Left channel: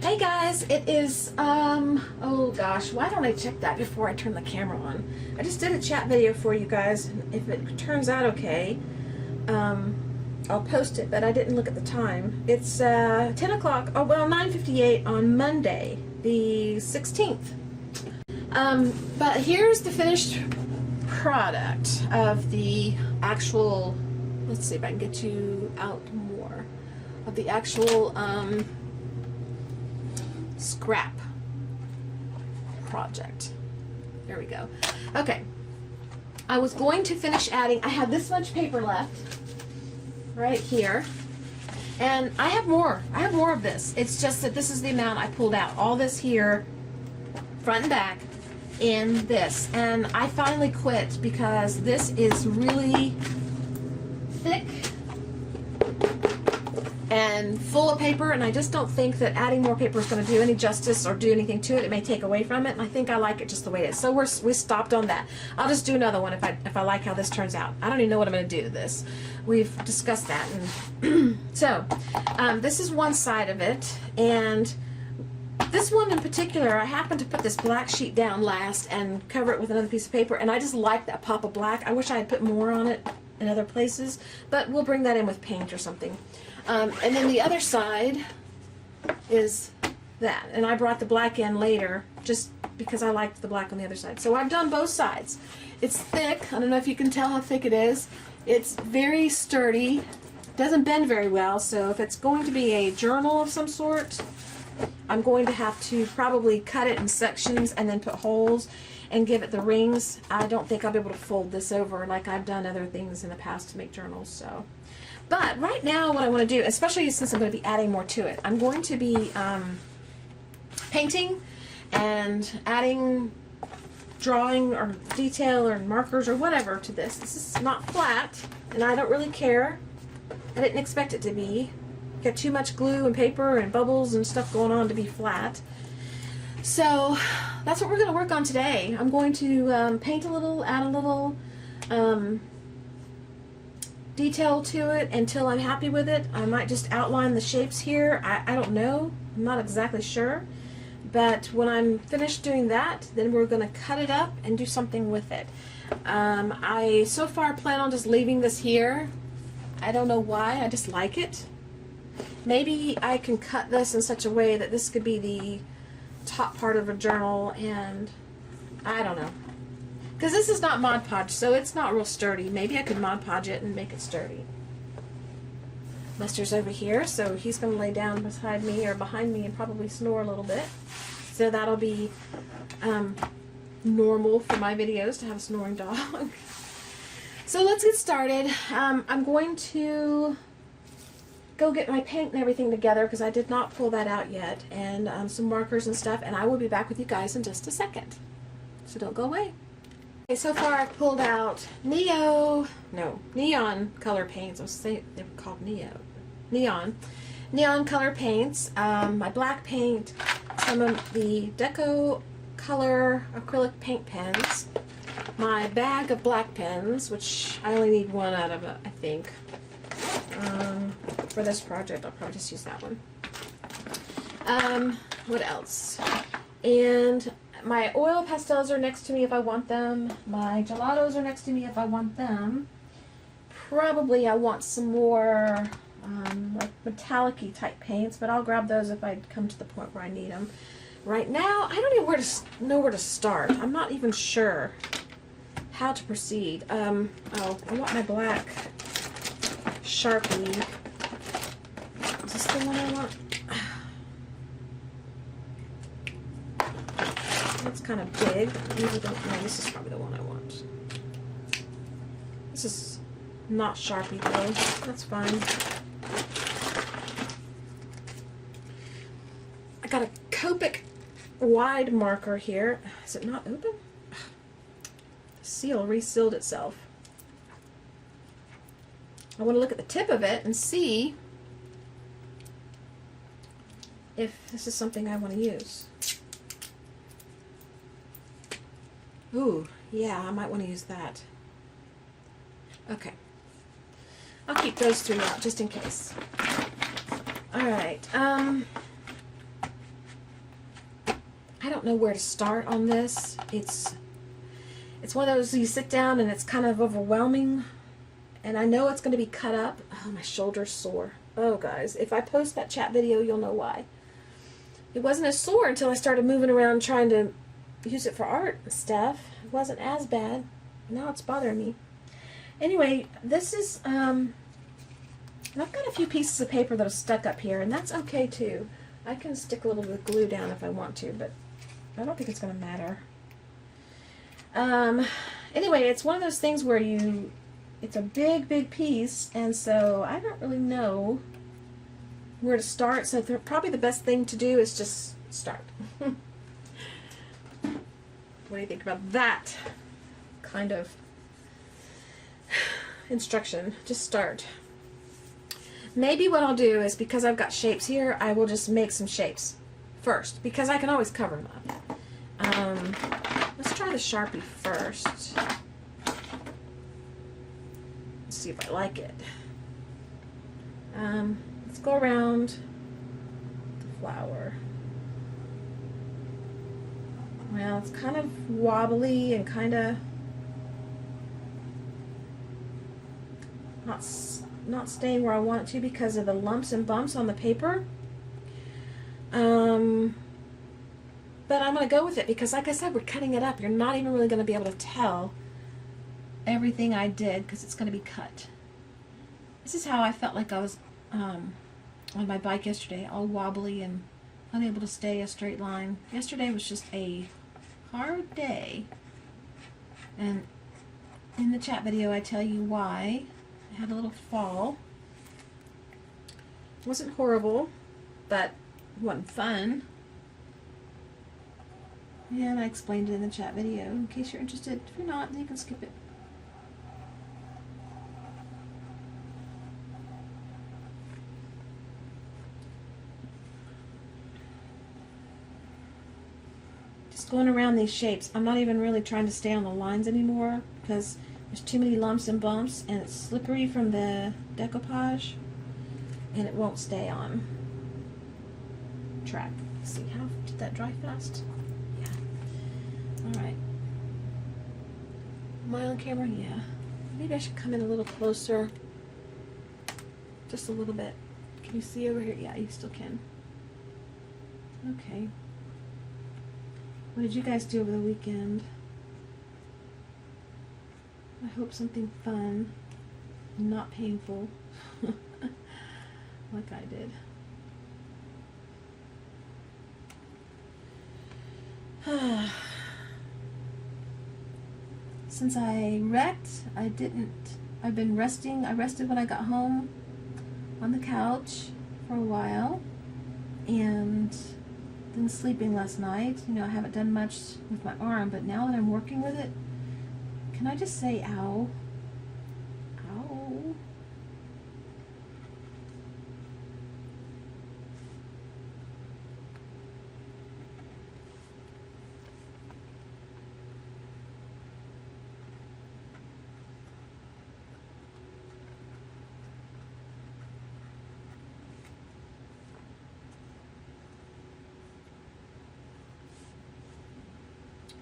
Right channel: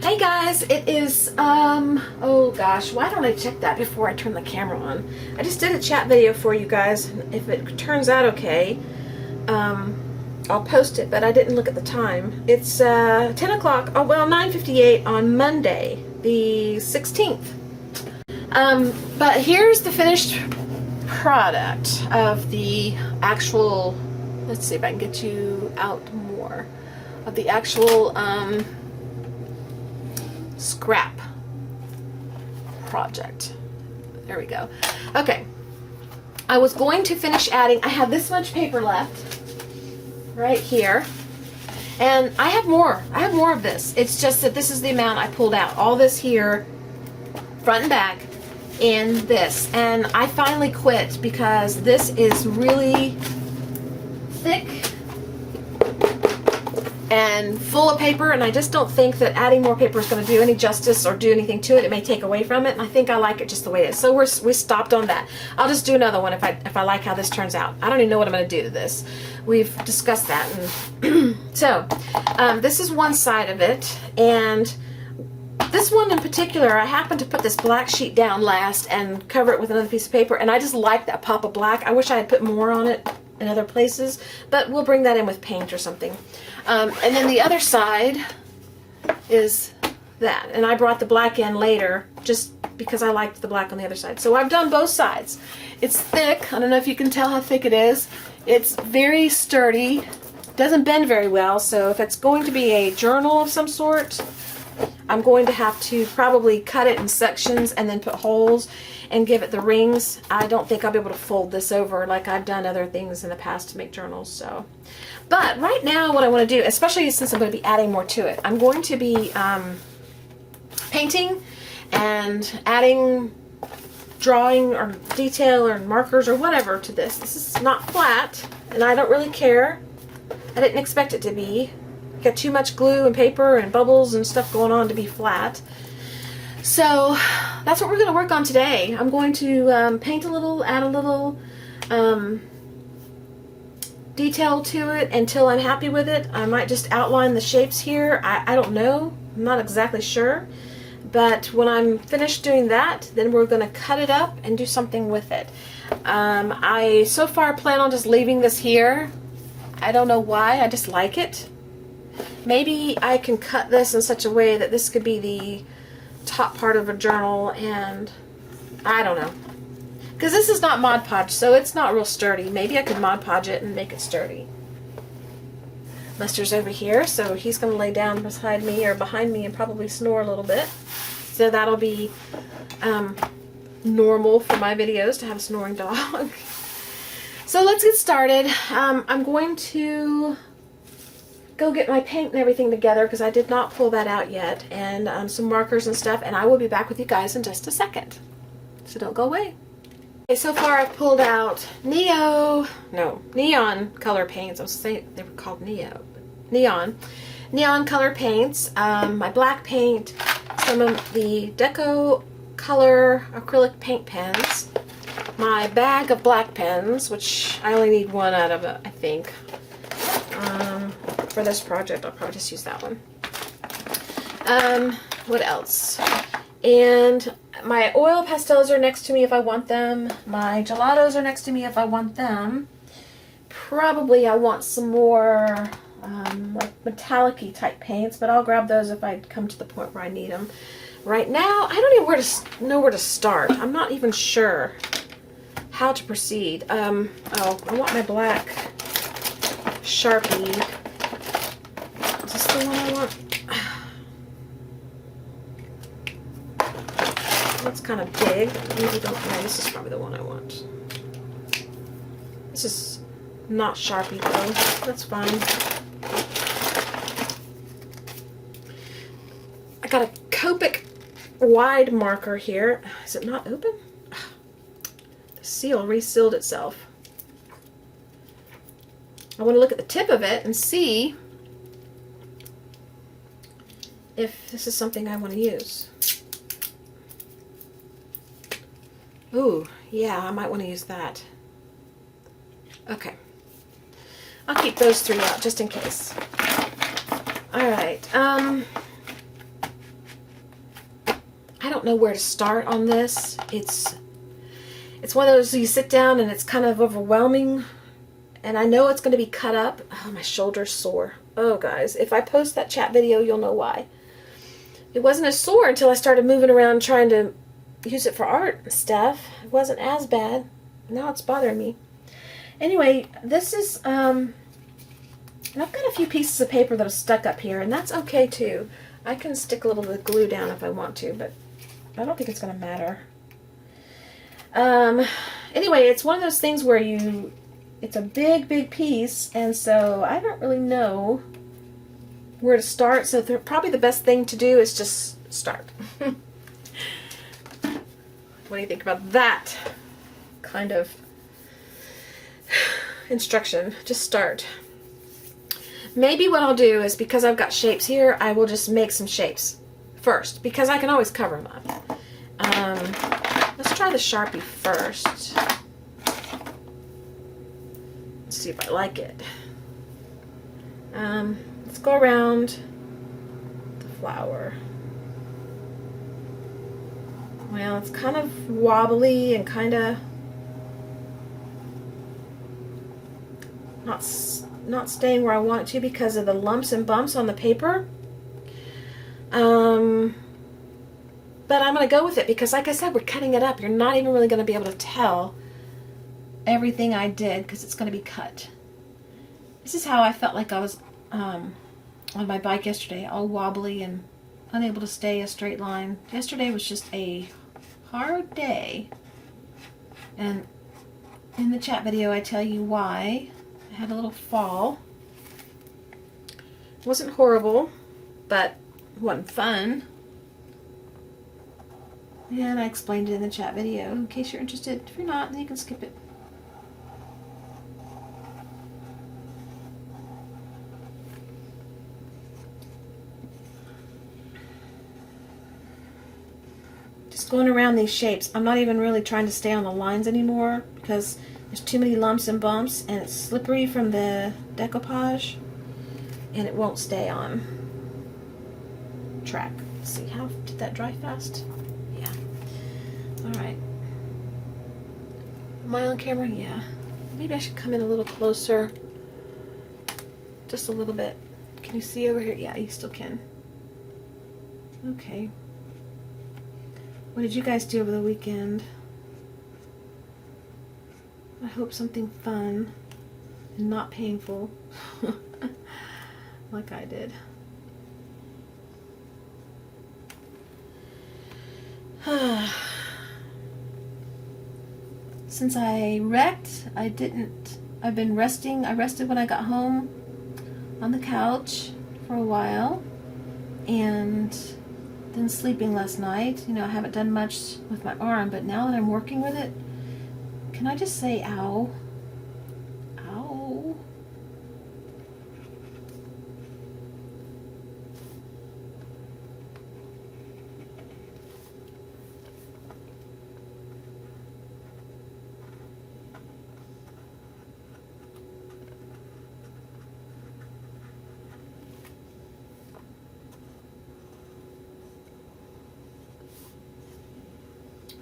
Hey guys, it is, oh gosh, why don't I check that before I turn the camera on? I just did a chat video for you guys. If it turns out okay, I'll post it, but I didn't look at the time. It's 10 o'clock, oh well, 9:58 on Monday, the 16th. But here's the finished product of the actual, let's see if I can get you out more, of the actual, scrap project. There we go. Okay. I was going to finish adding, I have this much paper left right here. And I have more. I have more of this. It's just that this is the amount I pulled out. All this here, front and back, in this. And I finally quit because this is really thick and full of paper, and I just don't think that adding more paper is going to do any justice or do anything to it. It may take away from it, and I think I like it just the way it is. So we stopped on that. I'll just do another one if I like how this turns out. I don't even know what I'm going to do to this. We've discussed that. And so this is one side of it, and this one in particular, I happened to put this black sheet down last and cover it with another piece of paper, and I just like that pop of black. I wish I had put more on it in other places, but we'll bring that in with paint or something. And then the other side is that, and I brought the black in later just because I liked the black on the other side. So I've done both sides. It's thick. I don't know if you can tell how thick it is. It's very sturdy, doesn't bend very well, so if it's going to be a journal of some sort, I'm going to have to probably cut it in sections and then put holes and give it the rings. I don't think I'll be able to fold this over like I've done other things in the past to make journals. So, but right now what I want to do, especially since I'm going to be adding more to it, I'm going to be painting and adding drawing or detail or markers or whatever to this. This is not flat, and I don't really care. I didn't expect it to be. Got too much glue and paper and bubbles and stuff going on to be flat. So that's what we're going to work on today. I'm going to paint a little, add a little detail to it until I'm happy with it. I might just outline the shapes here. I don't know. I'm not exactly sure. But when I'm finished doing that, then we're going to cut it up and do something with it. I so far plan on just leaving this here. I don't know why. I just like it. Maybe I can cut this in such a way that this could be the top part of a journal, and I don't know. Because this is not Mod Podge, so it's not real sturdy. Maybe I could Mod Podge it and make it sturdy. Buster's over here, so he's going to lay down beside me or behind me and probably snore a little bit. So that'll be normal for my videos to have a snoring dog. So let's get started. I'm going to go get my paint and everything together because I did not pull that out yet, and some markers and stuff, and I will be back with you guys in just a second. So don't go away. Okay, so far I've pulled out neon color paints. I was saying they were called neon color paints, my black paint, some of the Deco color acrylic paint pens, my bag of black pens, which I only need one out of it, I think. For this project, I'll probably just use that one. What else? And my oil pastels are next to me if I want them. My gelatos are next to me if I want them. Probably I want some more like metallic-y type paints, but I'll grab those if I come to the point where I need them. Right now, I don't even know where to start. I'm not even sure how to proceed. Oh, I want my black Sharpie. Is this the one I want? That's kind of big. Maybe don't. No, this is probably the one I want. This is not Sharpie though. That's fine. I got a Copic wide marker here. Is it not open? The seal resealed itself. I want to look at the tip of it and see if this is something I want to use. Ooh, yeah, I might want to use that. Okay. I'll keep those three out just in case. Alright, know where to start on this. It's one of those you sit down and it's kind of overwhelming, and I know it's going to be cut up. Oh, my shoulder's sore. Oh, guys, if I post that chat video, you'll know why. It wasn't as sore until I started moving around trying to use it for art and stuff. It wasn't as bad. Now it's bothering me. Anyway, this is, and I've got a few pieces of paper that are stuck up here, and that's okay too. I can stick a little bit of glue down if I want to, but I don't think it's going to matter. Anyway, it's one of those things where it's a big piece, and so I don't really know where to start, so probably the best thing to do is just start. What do you think about that kind of instruction? Just start. Maybe what I'll do is, because I've got shapes here, I will just make some shapes first, because I can always cover them up. Let's try the Sharpie first. Let's see if I like it. Let's go around the flower. Well, it's kind of wobbly and kind of not staying where I want it to because of the lumps and bumps on the paper. But I'm going to go with it because, like I said, we're cutting it up. You're not even really going to be able to tell everything I did because it's going to be cut. This is how I felt like I was on my bike yesterday, all wobbly and unable to stay a straight line. Yesterday was just a hard day. And in the chat video, I tell you why. I had a little fall. It wasn't horrible, but it wasn't fun. And I explained it in the chat video in case you're interested. If you're not, then you can skip it. Just going around these shapes. I'm not even really trying to stay on the lines anymore because there's too many lumps and bumps and it's slippery from the decoupage and it won't stay on track. Let's see, how did that dry fast? Yeah. Alright. Am I on camera? Yeah. Maybe I should come in a little closer. Just a little bit. Can you see over here? Yeah, you still can. Okay. What did you guys do over the weekend? I hope something fun and not painful like I did. Since I wrecked, I've been resting. I rested when I got home on the couch for a while and then sleeping last night. You know, I haven't done much with my arm, but now that I'm working with it, can I just say ow? Ow.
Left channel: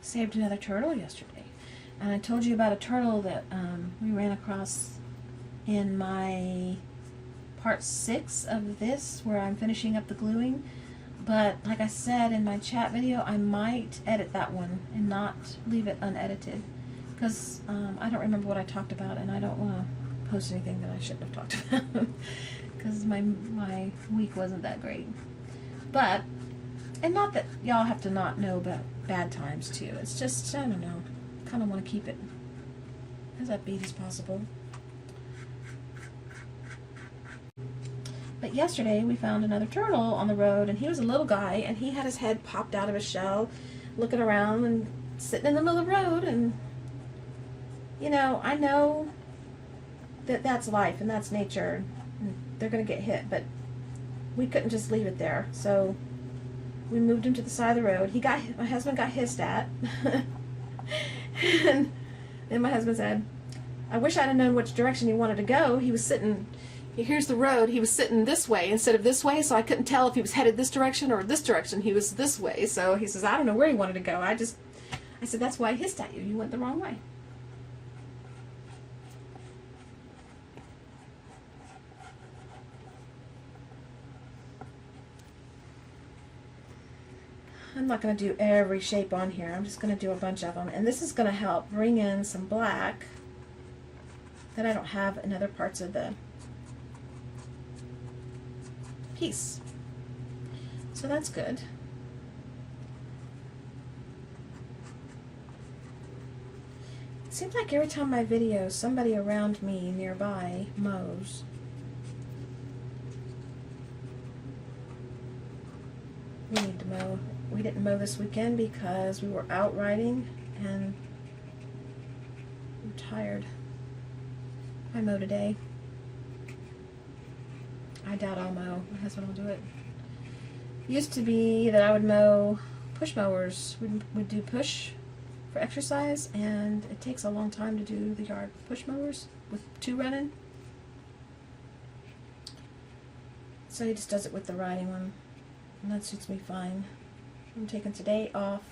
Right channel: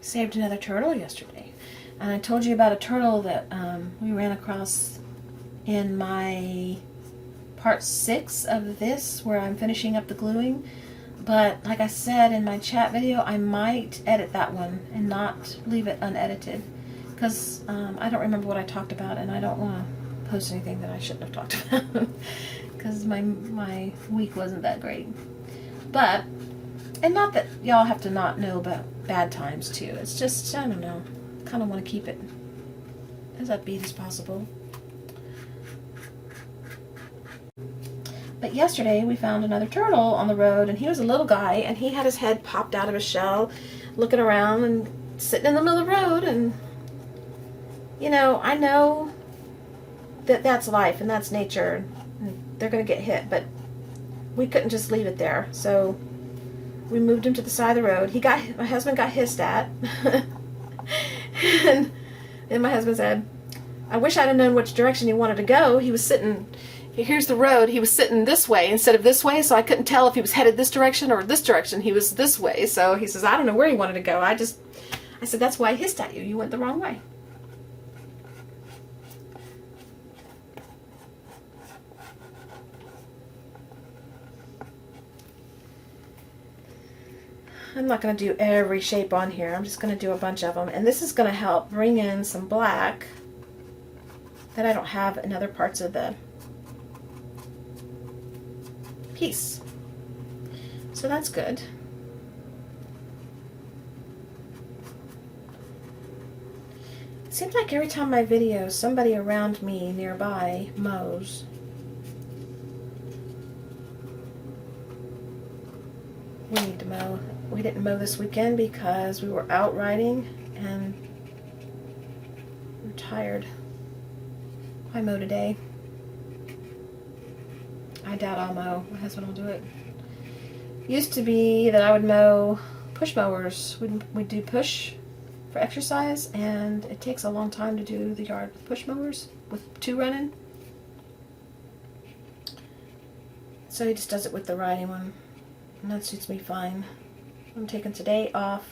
Saved another turtle yesterday. And I told you about a turtle that we ran across in my part 6 of this, where I'm finishing up the gluing. But like I said in my chat video, I might edit that one and not leave it unedited. Because I don't remember what I talked about, and I don't want to post anything that I shouldn't have talked about. Because my week wasn't that great. But, and not that y'all have to not know about bad times too. It's just, I don't know. Kind of want to keep it as upbeat as possible. But yesterday we found another turtle on the road, and he was a little guy, and he had his head popped out of his shell, looking around and sitting in the middle of the road. And you know, I know that that's life and that's nature, and they're gonna get hit, but we couldn't just leave it there, so we moved him to the side of the road. My husband got hissed at. And my husband said, I wish I'd have known which direction he wanted to go. He was sitting here's the road. He was sitting this way instead of this way, so I couldn't tell if he was headed this direction or this direction. He was this way. So he says, I don't know where he wanted to go. I said, that's why I hissed at you. You went the wrong way. I'm not going to do every shape on here. I'm just going to do a bunch of them. And this is going to help bring in some black that I don't have in other parts of the piece. So that's good. It seems like every time my videos, somebody around me nearby mows. We need to mow. We didn't mow this weekend because we were out riding and we're tired. I mow today. I doubt I'll mow. My husband will do it. Used to be that I would mow push mowers. We'd do push for exercise, and it takes a long time to do the yard with push mowers with two running. So he just does it with the riding one, and that suits me fine. I'm taking today off.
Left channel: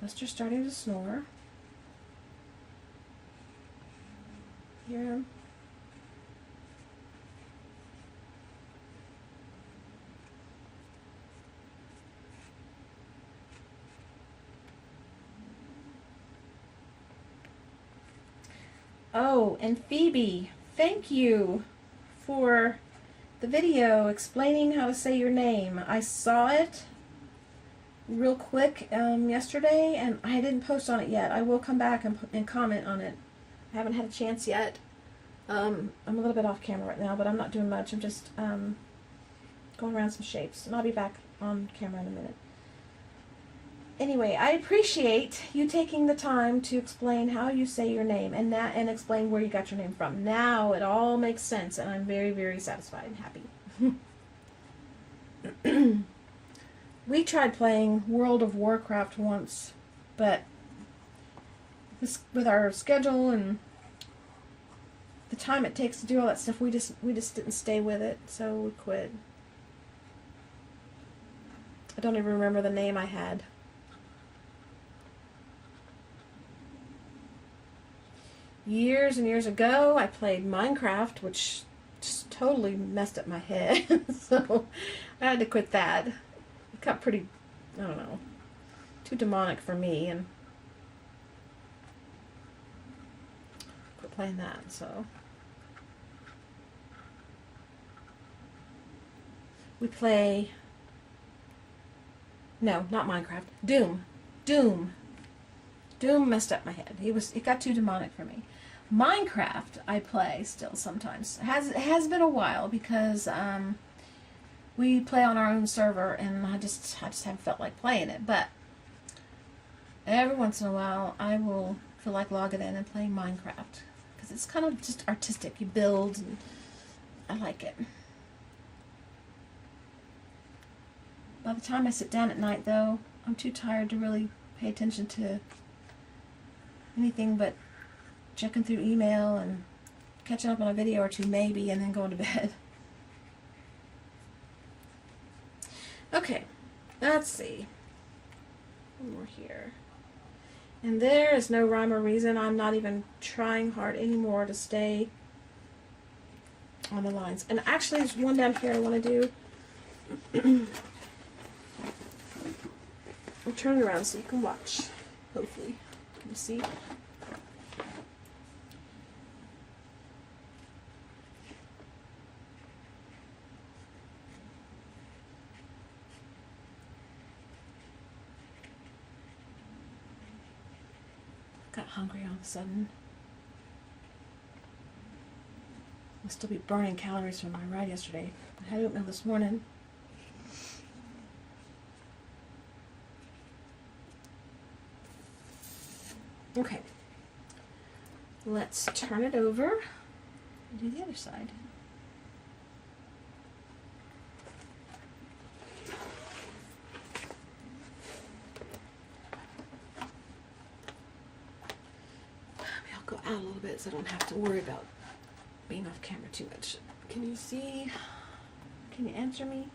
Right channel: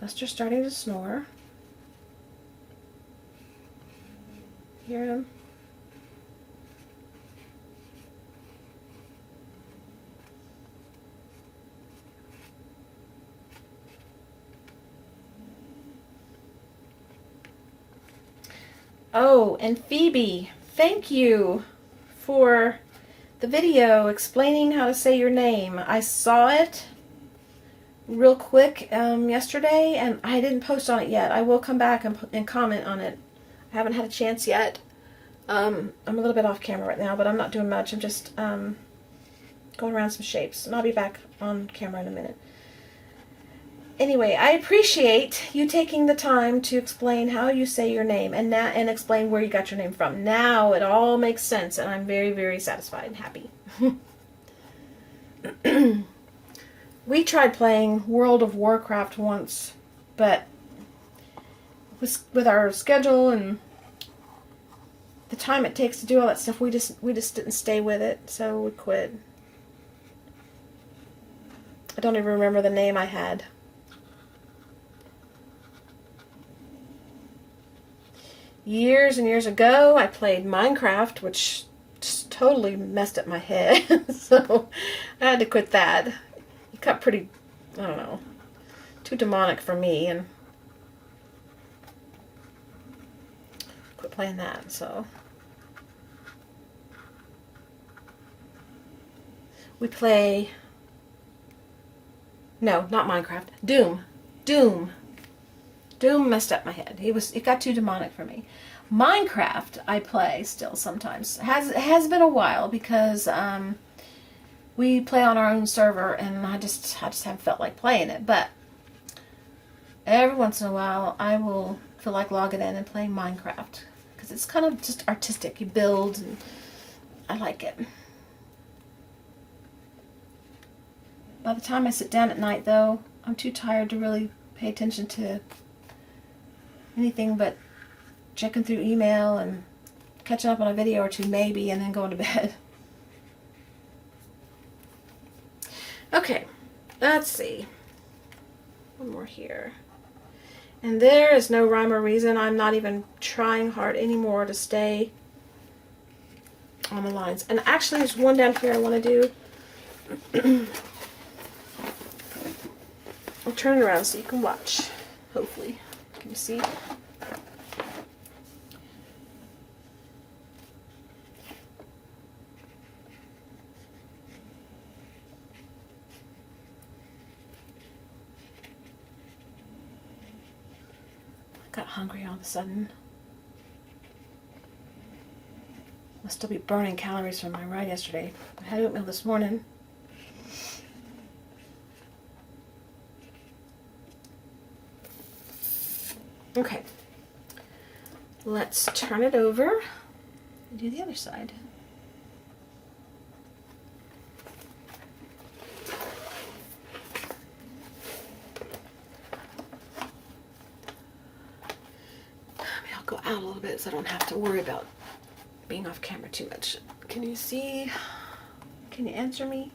Buster's starting to snore. Hear him? Oh, and Phoebe, thank you for the video explaining how to say your name. I saw it real quick yesterday, and I didn't post on it yet. I will come back and comment on it. I haven't had a chance yet. I'm a little bit off camera right now, but I'm not doing much. I'm just going around some shapes, and I'll be back on camera in a minute. Anyway, I appreciate you taking the time to explain how you say your name and explain where you got your name from. Now it all makes sense, and I'm very, very satisfied and happy. We tried playing World of Warcraft once, but with our schedule and the time it takes to do all that stuff, we just didn't stay with it, so we quit. I don't even remember the name I had. Years and years ago, I played Minecraft, which just totally messed up my head, so I had to quit that. It got pretty, I don't know, too demonic for me, and quit playing that, so. We play, no, not Minecraft, Doom. Doom messed up my head. It got too demonic for me. Minecraft I play still sometimes. It has been a while because we play on our own server, and I just haven't felt like playing it. But every once in a while I will feel like logging in and playing Minecraft because it's kind of just artistic. You build, and I like it. By the time I sit down at night, though, I'm too tired to really pay attention to anything but checking through email and catching up on a video or two maybe, and then going to bed. Okay, let's see. One more here. And there is no rhyme or reason. I'm not even trying hard anymore to stay on the lines. And actually there's one down here I want to do. I'll turn it around so you can watch, hopefully. Can you see? Got hungry all of a sudden. Must still be burning calories from my ride yesterday. I had oatmeal this morning. Okay, let's turn it over and do the other side. Maybe I'll go out a little bit so I don't have to worry about being off camera too much. Can you see? Can you answer me?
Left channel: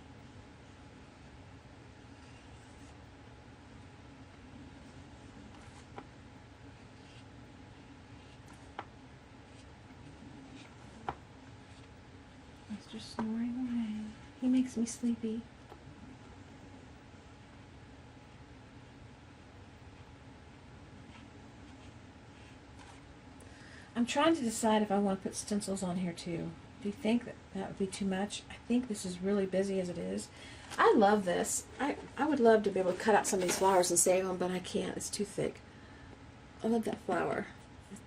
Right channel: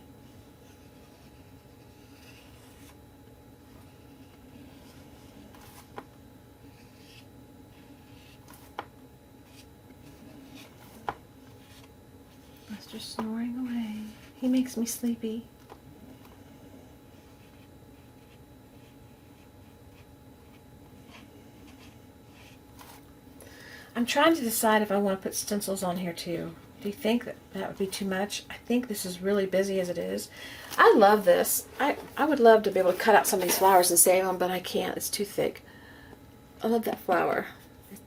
Buster's snoring away. He makes me sleepy. I'm trying to decide if I want to put stencils on here too. Do you think that that would be too much? I think this is really busy as it is. I love this. I would love to be able to cut out some of these flowers and save them, but I can't. It's too thick. I love that flower.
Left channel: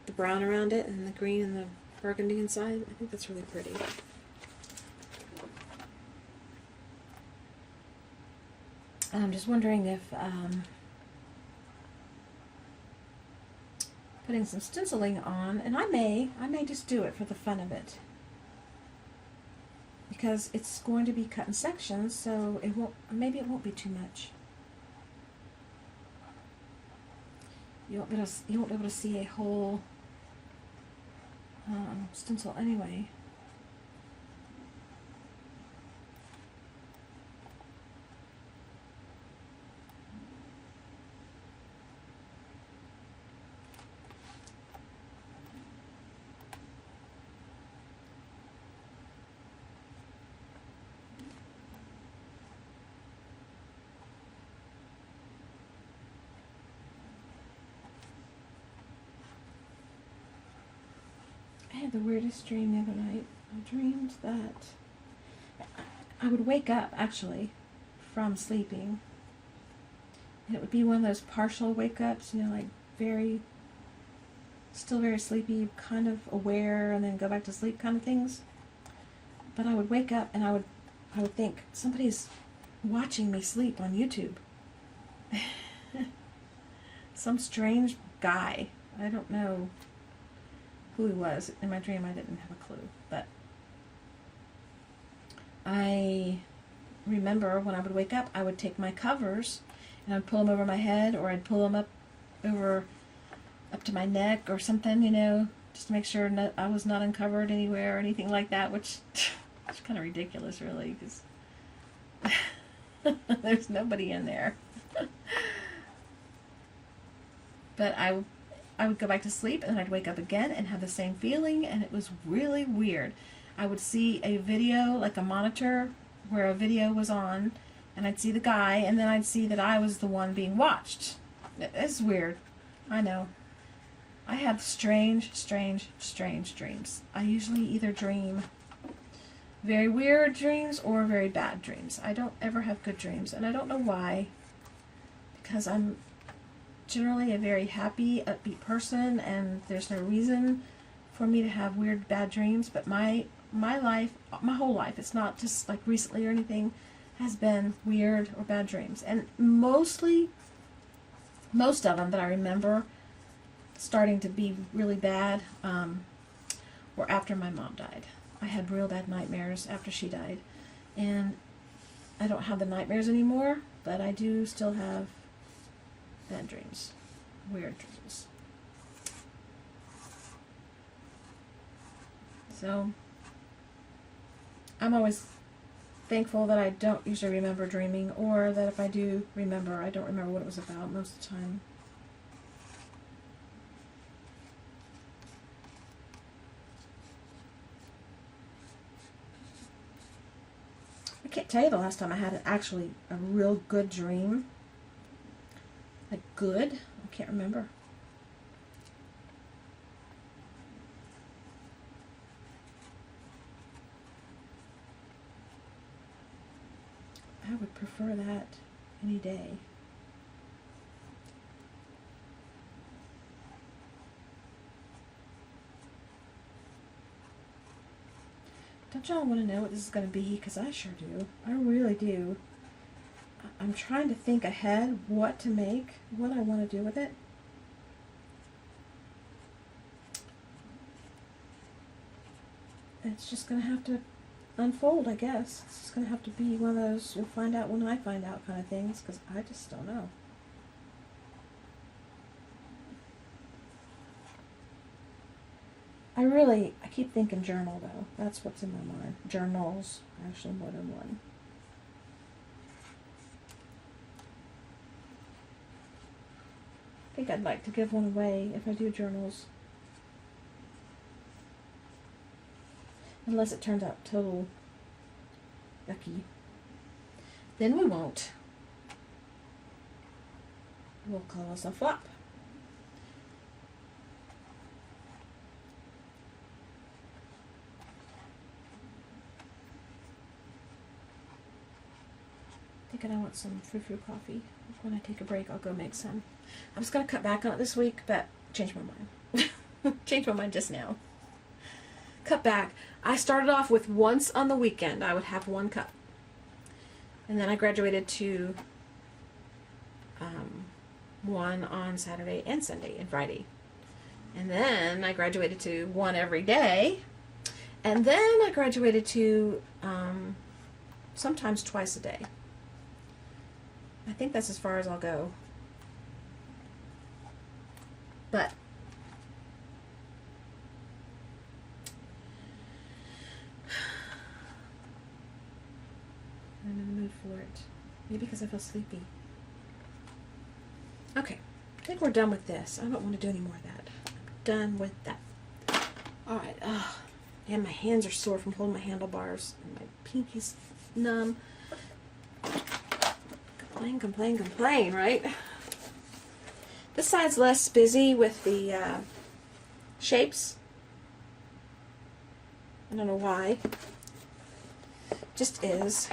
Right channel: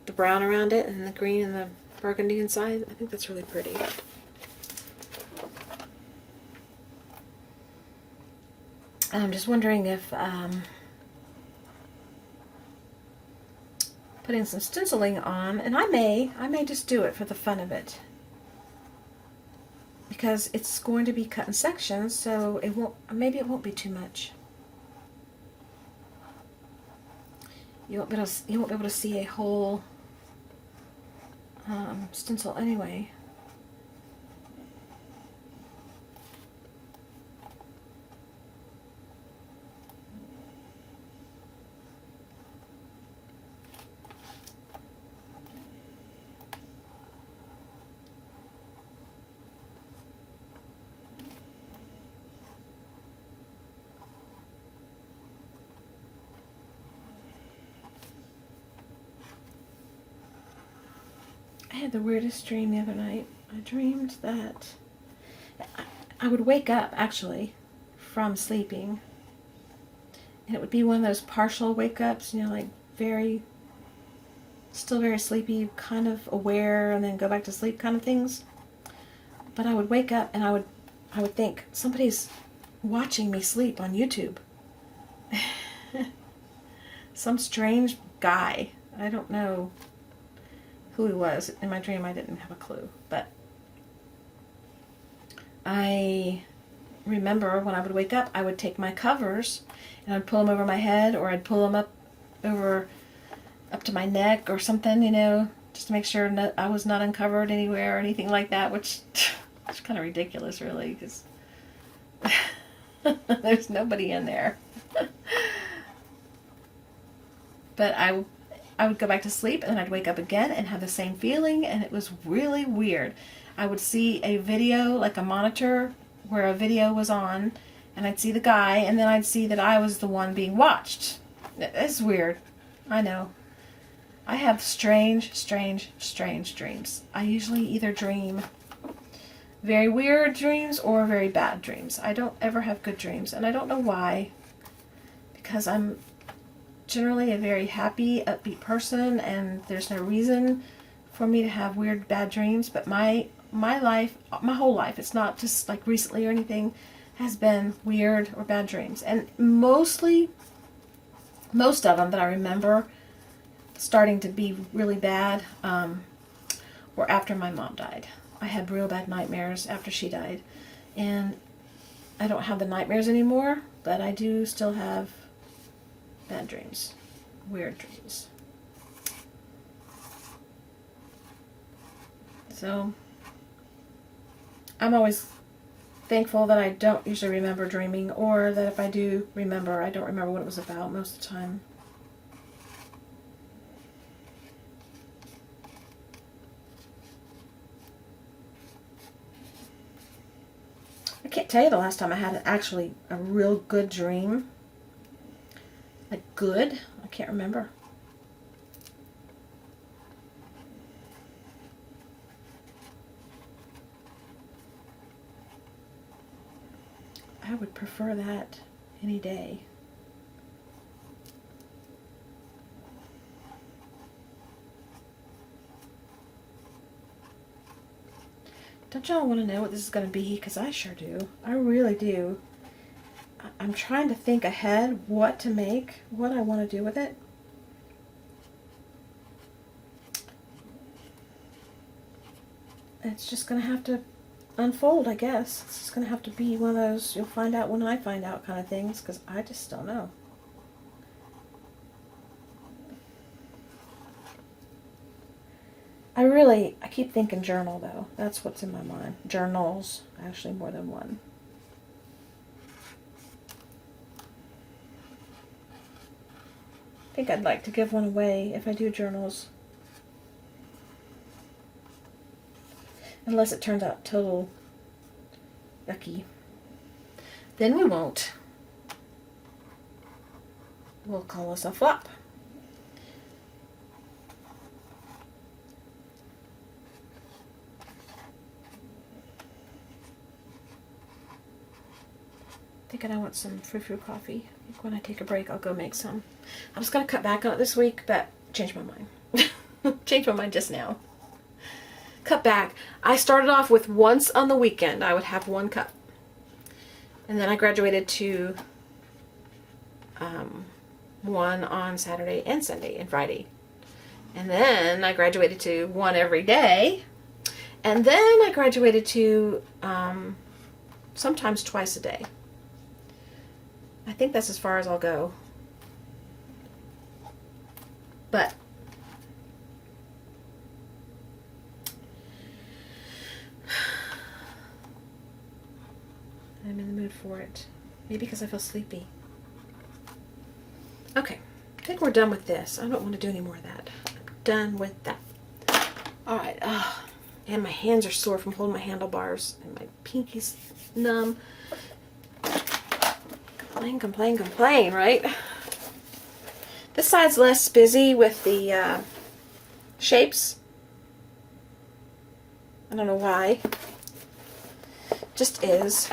The brown around it and the green and the burgundy inside. I think that's really pretty. I'm just wondering if putting some stenciling on, and I may just do it for the fun of it, because it's going to be cut in sections, so it won't, maybe it won't be too much. You won't be able to see a whole stencil anyway. I had the weirdest dream the other night. I dreamed that I would wake up, actually, from sleeping. And it would be one of those partial wake-ups, you know, like still very sleepy, kind of aware, and then go back to sleep kind of things. But I would wake up and I would think, somebody's watching me sleep on YouTube. Some strange guy. I don't know who he was. In my dream, I didn't have a clue, but I remember when I would wake up, I would take my covers and I'd pull them over my head, or I'd pull them up to my neck or something, you know, just to make sure I was not uncovered anywhere or anything like that, which is kind of ridiculous, really, because there's nobody in there. But I would go back to sleep, and then I'd wake up again and have the same feeling, and it was really weird. I would see a video, like a monitor where a video was on, and I'd see the guy, and then I'd see that I was the one being watched. It's weird. I know. I have strange dreams. I usually either dream very weird dreams or very bad dreams. I don't ever have good dreams, and I don't know why, because I'm generally a very happy, upbeat person, and there's no reason for me to have weird, bad dreams. But my life, my whole life, it's not just like recently or anything, has been weird or bad dreams. And most of them that I remember starting to be really bad were after my mom died. I had real bad nightmares after she died, and I don't have the nightmares anymore, but I do still have bad dreams, weird dreams. So I'm always thankful that I don't usually remember dreaming, or that if I do remember, I don't remember what it was about most of the time. I can't tell you the last time I had actually a real good dream. Like good? I can't remember. I would prefer that any day. Don't y'all want to know what this is going to be? Because I sure do. I really do. I'm trying to think ahead what to make, what I want to do with it. It's just going to have to unfold, I guess. It's just going to have to be one of those you'll find out when I find out kind of things, because I just don't know. I keep thinking journal though. That's what's in my mind. Journals, actually more than one. I think I'd like to give one away if I do journals. Unless it turns out total yucky. Then we won't. We'll call us a flop. Thinking I want some frou-frou coffee. I think when I take a break, I'll go make some. I was going to cut back on it this week, but changed my mind. Changed my mind just now. Cut back. I started off with once on the weekend, I would have 1 cup. And then I graduated to 1 on Saturday and Sunday and Friday. And then I graduated to 1 every day. And then I graduated to sometimes twice a day. I think that's as far as I'll go. But I'm in the mood for it. Maybe because I feel sleepy. Okay, I think we're done with this. I don't want to do any more of that. I'm done with that. All right. And my hands are sore from holding my handlebars, and my pinky's numb. Complain, right? This side's less busy with the shapes. I don't know why. Just is.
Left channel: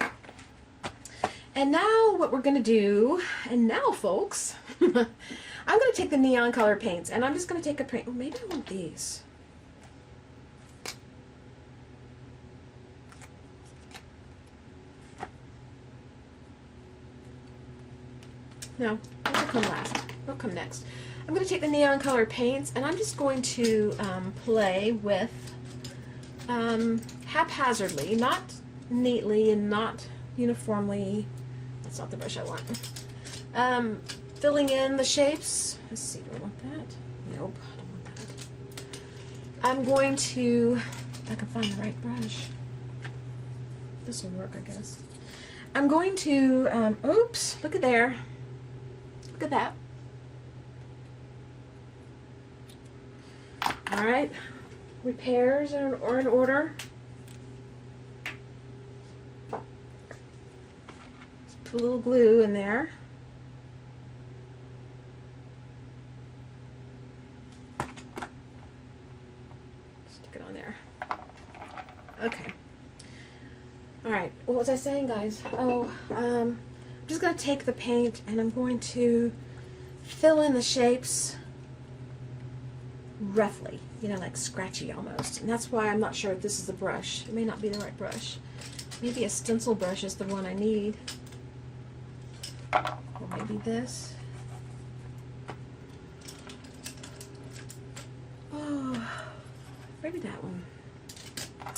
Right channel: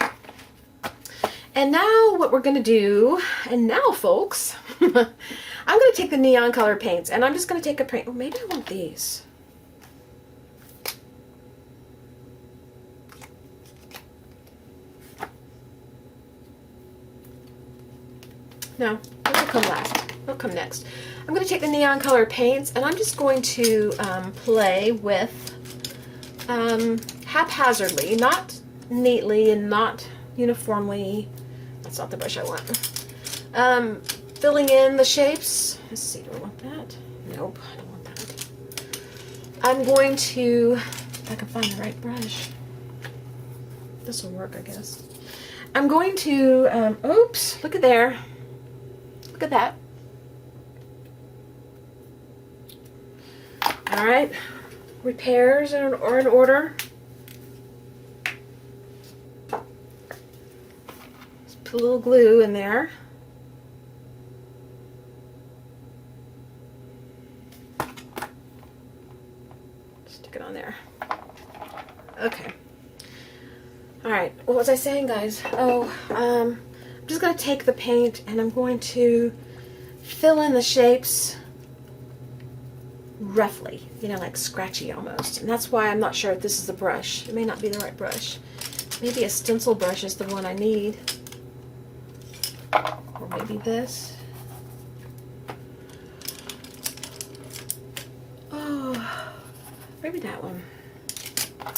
And now what we're going to do, and now folks, I'm going to take the neon color paints, and I'm just going to take a paint. Oh, maybe I want these. No, those will come last. They'll come next. I'm going to take the neon color paints, and I'm just going to play with haphazardly, not neatly and not uniformly. That's not the brush I want. Filling in the shapes. Let's see, do I want that? Nope, I don't want that. I'm going to, if I can find the right brush. This will work, I guess. I'm going to, oops, look at there. Look at that. All right, repairs are in order. Just put a little glue in there. Stick it on there. Okay. All right, what was I saying, guys? Oh, I'm just going to take the paint and I'm going to fill in the shapes roughly, you know, like scratchy almost. And that's why I'm not sure if this is the brush. It may not be the right brush. Maybe a stencil brush is the one I need. Or maybe this. Oh, maybe that one.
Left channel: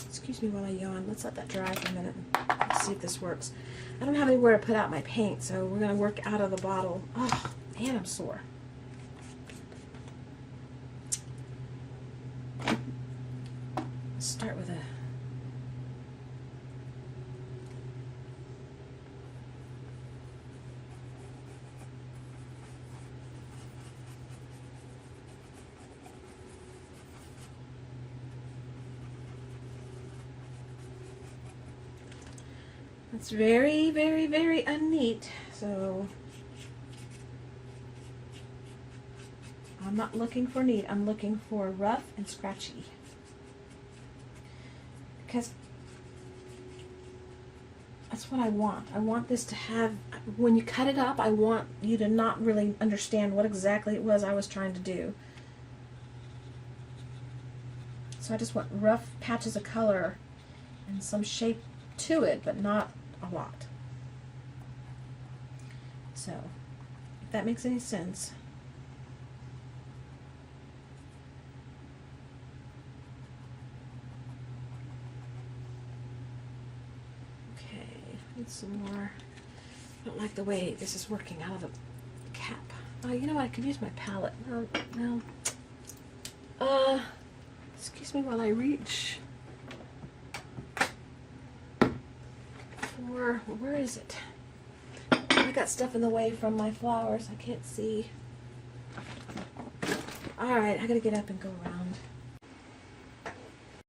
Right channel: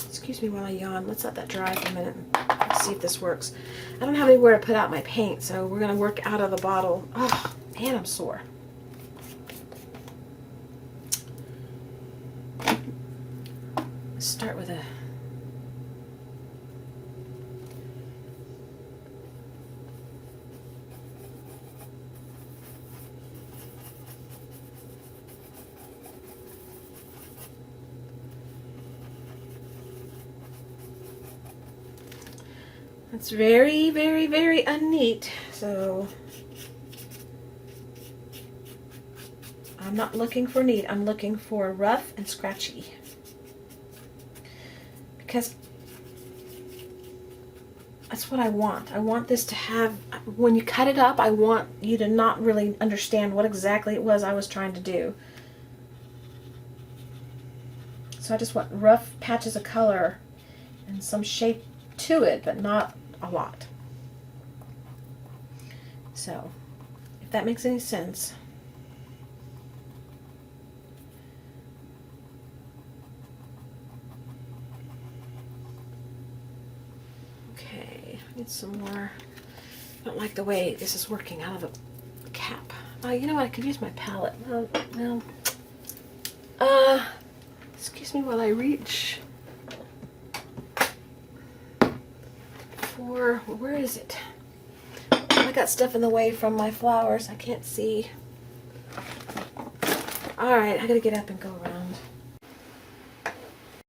Excuse me while I yawn. Let's let that dry for a minute. Let's see if this works. I don't have anywhere to put out my paint, so we're going to work out of the bottle. Oh, man, I'm sore. Let's start with a... It's very, very, very unneat, so I'm not looking for neat. I'm looking for rough and scratchy. Because that's what I want. I want this to have, when you cut it up, I want you to not really understand what exactly it was I was trying to do. So I just want rough patches of color and some shape to it, but not a lot. So, if that makes any sense. Okay, I need some more. I don't like the way this is working out of the cap. You know what? I could use my palette. No. Excuse excuse me while I reach for, where is it? I got stuff in the way from my flowers. I can't see. All right, I gotta get up and go around.